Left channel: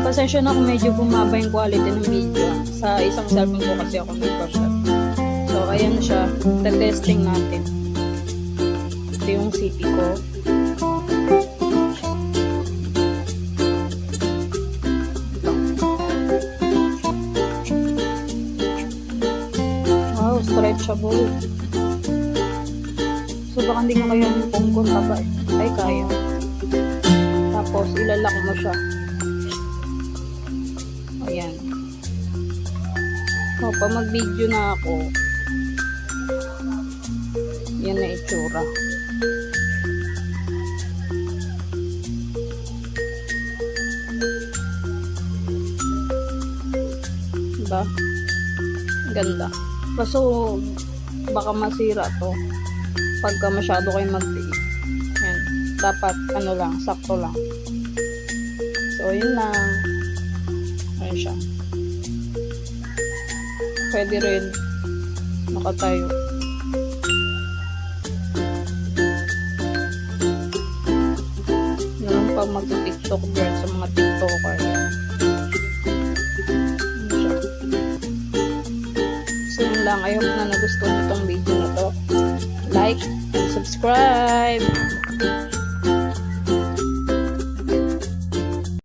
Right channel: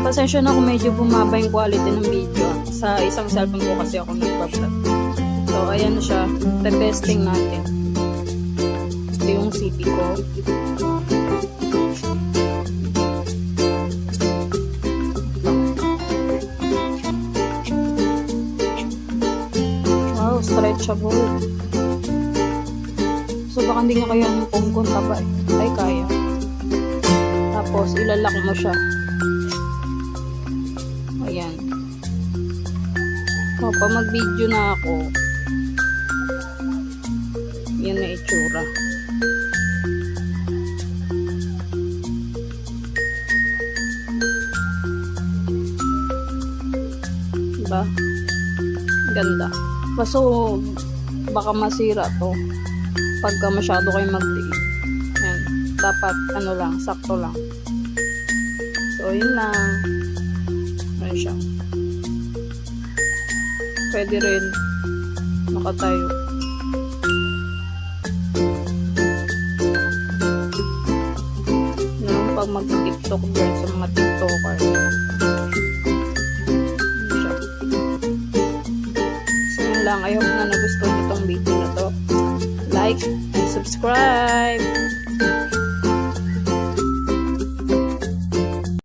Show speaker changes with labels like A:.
A: Yun, pasensya na kung medyo bumaba yung quality ng video. Sa isang cellphone ko kasi ako nagbablog. So, ayan na siya. Te-testing natin. Ito yung CP ko. Wow, stretchable. So, baka hindi nga kaya yung pungkon taba. Ay, kaya. Tapos, ilalak mo siya. Ayan. So, pag mag-video na ako, yan na itsura. Diba? Ganda. Kaso, baka masira to. Pagka masyado kayo mag-diin. Yan. Dapat, ano lang, sakto lang. So, yun lang. Siya. Pwede rin nakatayo. Nalang pag mag-tiktok dyan sa mga tiktoker. Ayan siya. So yun lang. I hope na nagustuhan nyo tong video na to. Like and subscribe!